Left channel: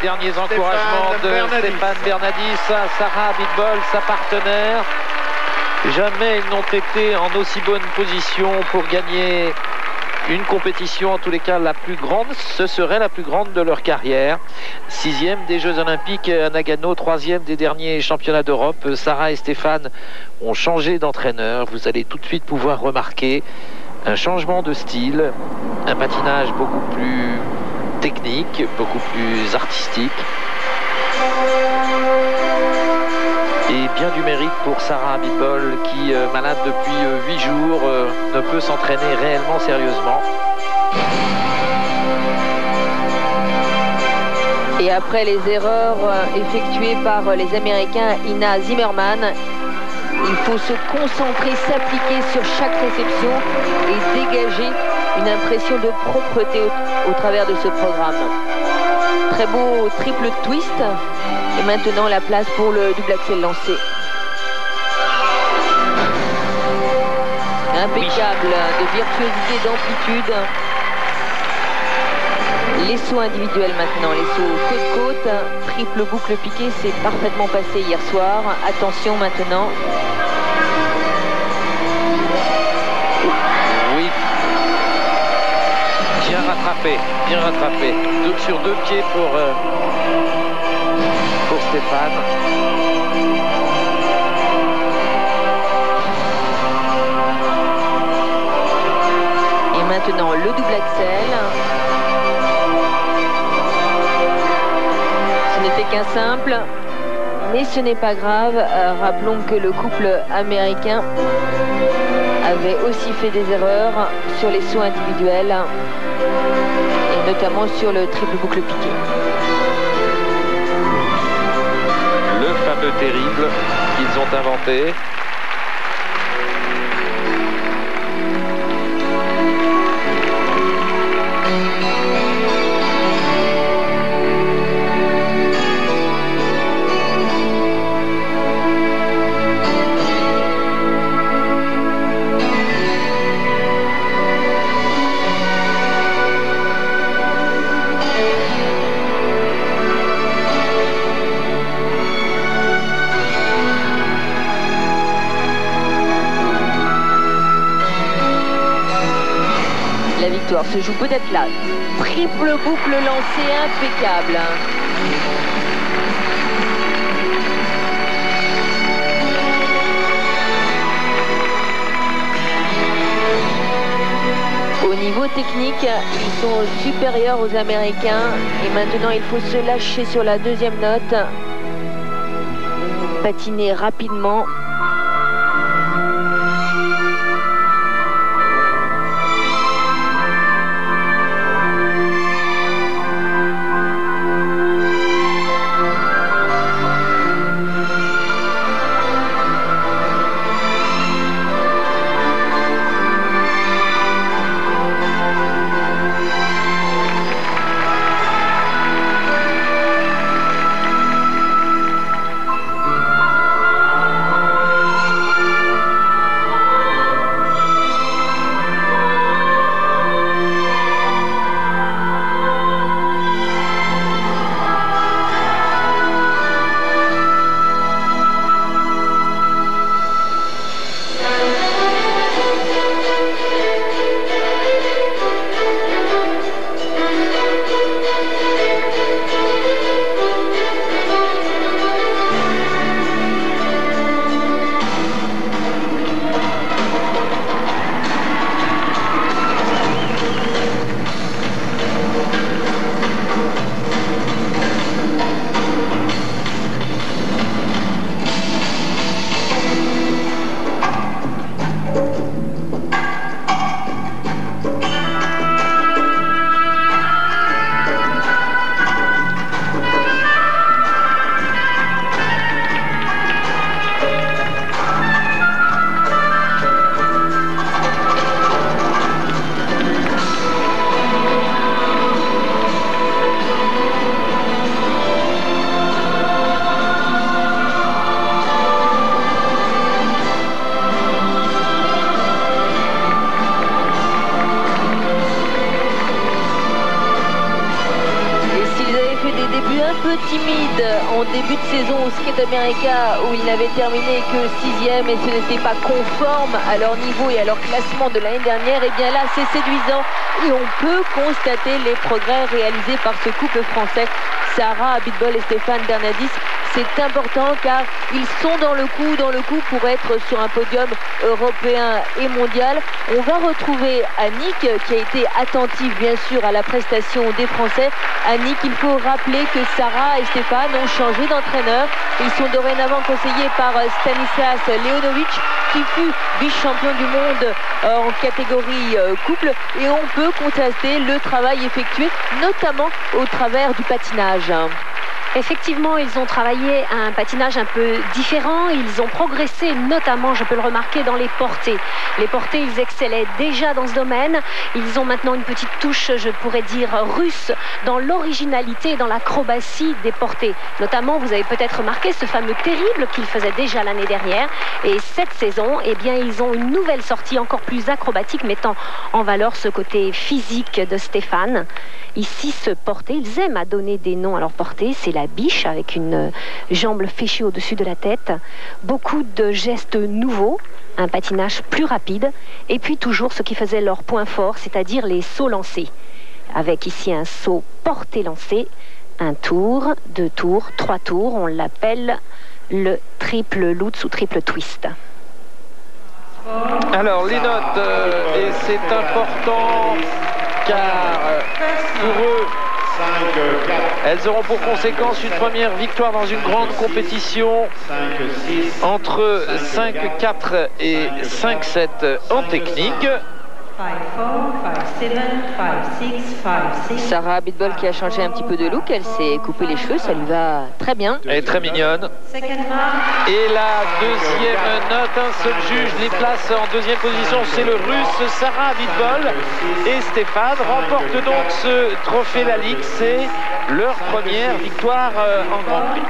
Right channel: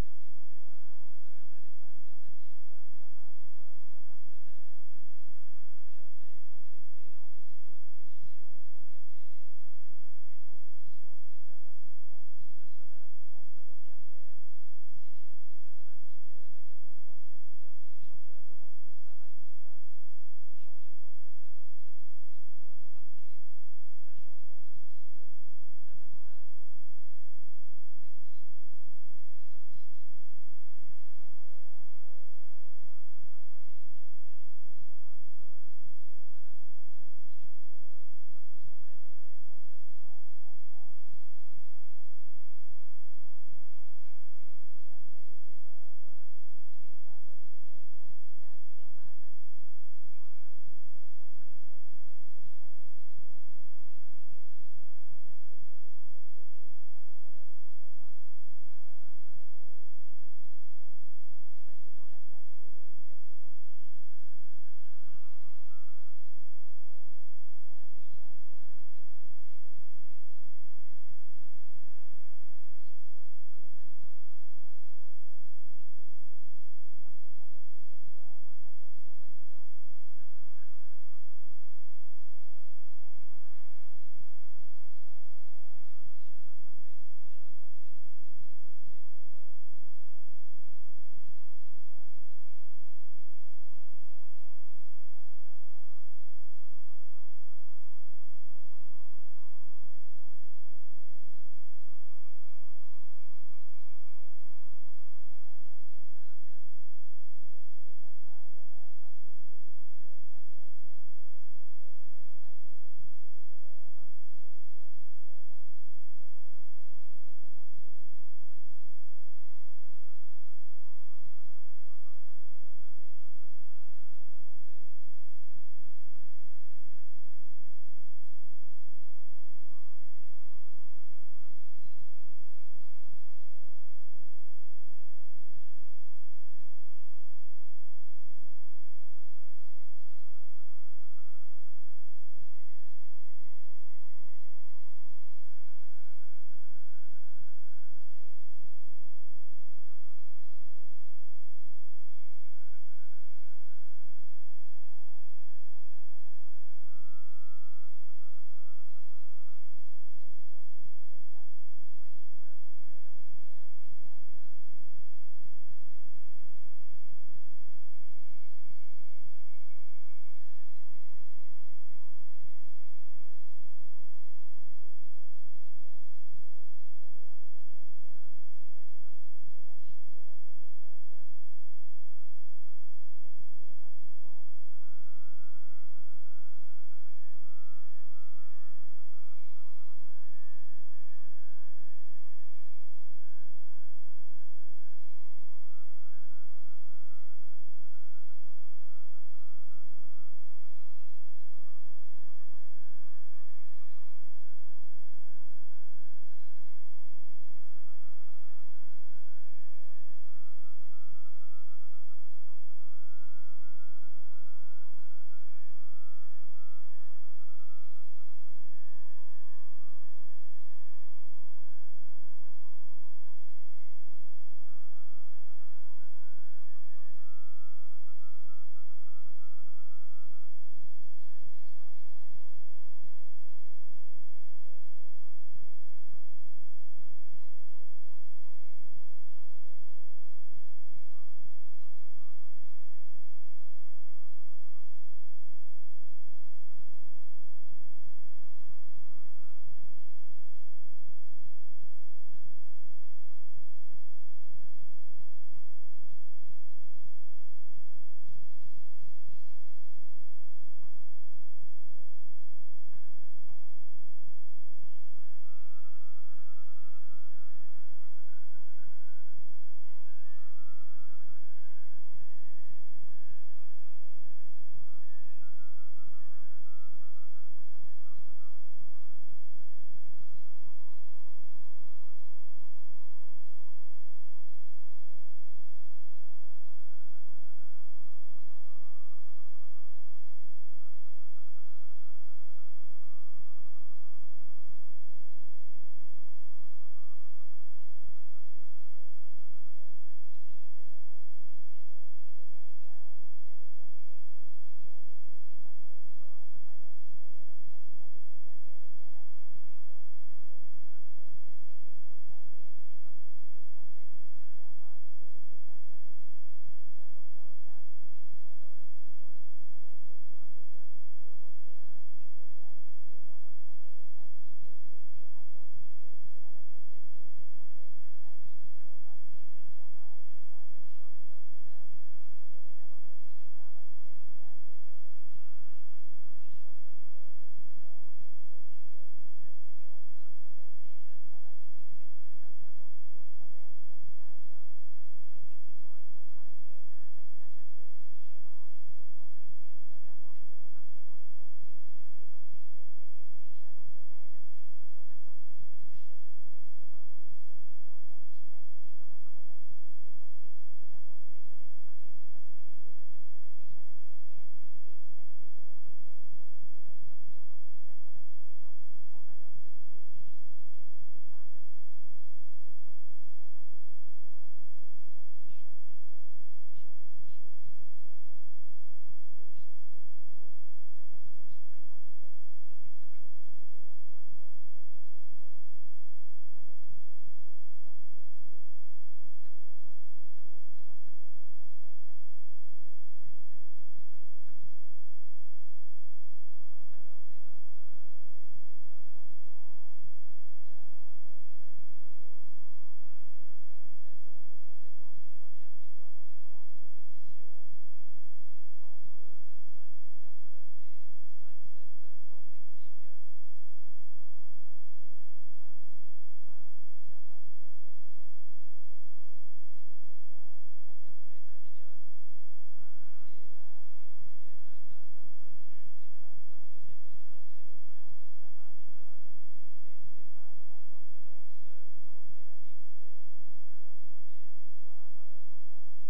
derniers encouragements de Stéphane Bernadis à Sarah Abitbol, sa partenaire. Jamais ils n'ont été en aussi bonne position pour gagner une compétition, en tous les cas la plus grande. Ce serait la plus grande de leur carrière. 6e des Jeux Olympiques à Nagano, 3e des derniers championnats d'Europe. Sarah et Stéphane ont changé d'entraîneur. Vous allez tout de suite pouvoir remarquer un changement de style, un patinage beaucoup plus technique, beaucoup plus artistique. Et bien du mérite pour Sarah Abitbol qui, malade depuis 8 jours, ne peut s'entraîner réellement sérieusement. Et après les erreurs effectuées par les Américains Ina Zimmerman, il faut se concentrer, s'appliquer sur chaque réception et dégager une impression de propreté au travers de ce programme. Très beau triple twist. Et maintenant la place pour le double axel lancé. Impeccable de virtuosité, d'amplitude. Les sauts individuels maintenant, les sauts côte-côte. Triple boucle piquée, c'est parfaitement passé hier soir. Attention maintenant. Oui. Bien rattrapé, bien rattrapé. Sur 2 pieds pour Stéphane. Et maintenant le double axel. Ce n'était qu'un simple, mais ce n'est pas grave. Rappelons que le couple américain avait aussi fait des erreurs sur les sauts individuels, et notamment sur le triple boucle piqué. Terrible qu'ils ont inventé. Se joue peut-être là. Triple boucle lancée, impeccable. Au niveau technique, ils sont supérieurs aux Américains. Et maintenant, il faut se lâcher sur la deuxième note. Patiner rapidement. peu timide en début de saison au Skate America où il n'avait terminé que 6e et ce n'était pas conforme à leur niveau et à leur classement de l'année dernière, et bien là c'est séduisant et on peut constater les progrès réalisés par ce couple français, Sarah Abitbol et Stéphane Bernadis. C'est important car ils sont dans le coup pour être sur un podium européen et mondial. On va retrouver Annick qui a été attentive bien sûr à la prestation des Français. Annick, il faut rappeler que Sarah et Stéphane ont changé d'entraîneur. Ils sont dorénavant conseillés par Stanislas Leonovic qui fut vice-champion du monde en catégorie couple, et on peut constater le travail effectué notamment au travers du patinage. Effectivement, ils ont travaillé un patinage un peu différent. Ils ont progressé, notamment, je peux le remarquer, dans les portées. Les portées, ils excellaient déjà dans ce domaine. Ils ont maintenant une petite touche, je pourrais dire, russe, dans l'originalité et dans l'acrobatie des portées. Notamment, vous avez peut-être remarqué ce fameux terrible qu'ils faisaient déjà l'année dernière. Et cette saison, eh bien, ils ont une nouvelle sortie encore plus acrobatique, mettant en valeur ce côté physique de Stéphane. Ici, ce porté, ils aiment à donner des noms à leur portée. C'est la biche avec une jambe fléchie au-dessus de la tête. Beaucoup de gestes nouveaux, un patinage plus rapide. Et puis toujours ce qui faisait leur point fort, c'est-à-dire les sauts lancés. Avec ici un saut porté lancé, un tour, 2 tours, 3 tours. On l'appelle le triple lutz ou triple twist. Alors les notes, et c'est important car pour eux, elles auront pour conséquence une première victoire dans une grande compétition entre 5-4 et 5-7 en technique. Sarah Abitbol qui a changé un petit peu de look, elle s'est coupé les cheveux, ça lui va très bien. Elle est très mignonne. Et la deuxième note, un seul juge les place en deuxième position, c'est le russe Sarah Abitbol. Et Stéphane remporte donc ce trophée La Ligue, c'est leur première victoire en Grand Prix.